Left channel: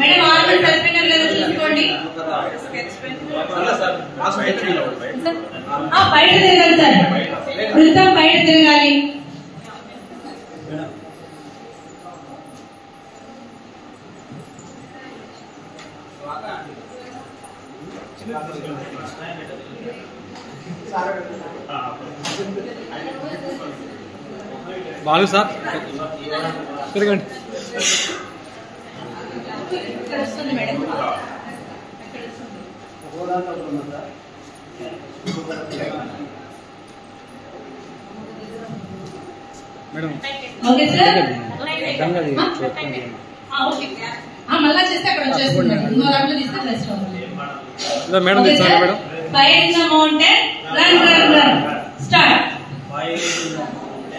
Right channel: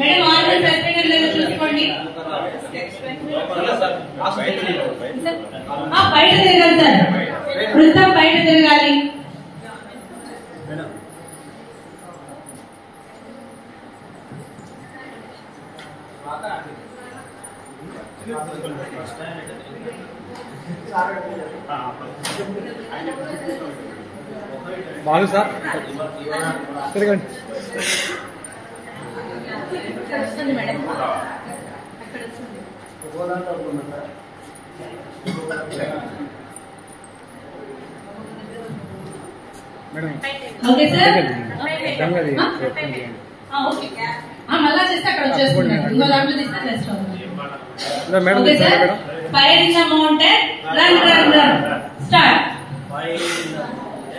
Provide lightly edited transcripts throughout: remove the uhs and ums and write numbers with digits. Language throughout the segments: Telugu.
మేడం ఆర్డర్ సస్పెండర్ లేదా చూసుకోండి. బయట తిరగాలి సార్, వృత్తం బయట తిరగాలి. బాలు సార్ తిరగండి. Madam madam okay sir. మళ్ళా చేస్తే అక్కడ వచ్చేస్తుంది. ఇంకో దాంట్లో తీస్తే రెస్ట్ అవుతుంది. Madam madam fire in the mountain, run run run start.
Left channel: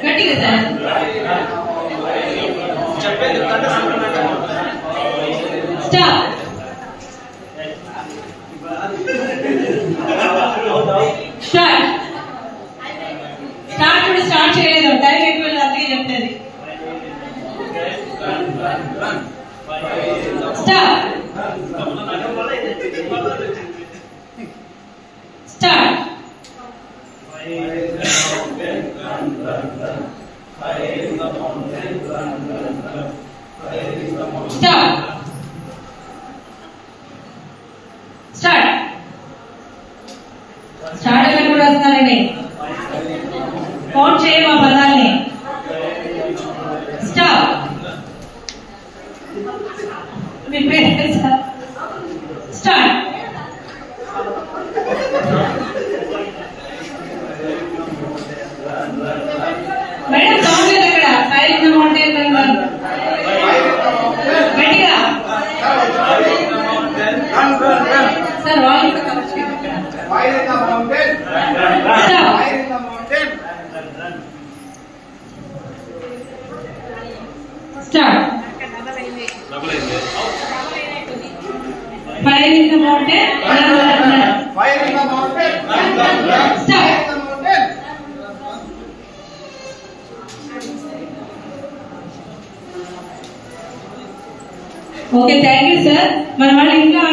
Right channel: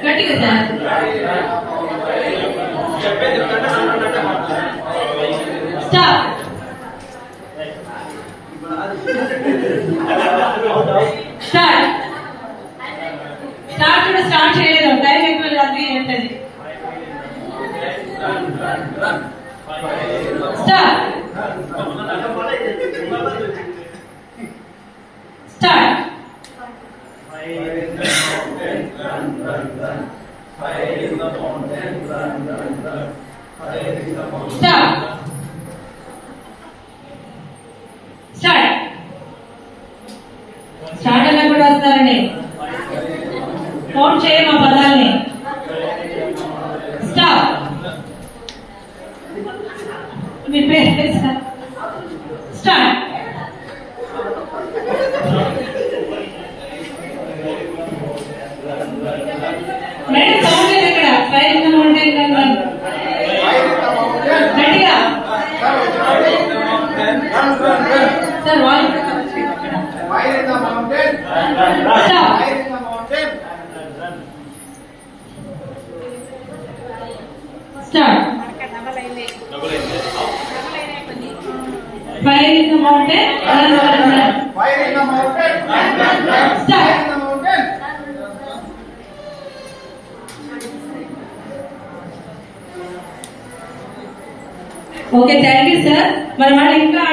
గట్టిగా సార్. స్టాప్. స్టార్ట్. స్టార్ట్ కూడా స్టార్ట్ చేయలేదు, టైం ఎక్కువ లేదు, అందుకే చెప్తుంది. Stop. Start. Stop. Start. Start అని కూడా వస్తున్నారండి. కౌంట్ చేయమా పదాలని. స్టాప్. మీ పేరు సార్. స్టార్ట్. మేడం సౌండ్ లేదు అక్కడ. Fire in the mountain, run run. గట్టిగా సార్. వాయిస్ కవర్ చేయండి అక్కడ. Fire in the mountain. Stop. Fire in the mountain. Start. Fire in the mountain, run run run. Fire in the mountain. Start. Fire in the mountain. Okay, thank you sir. మన వాళ్ళు ఇంకా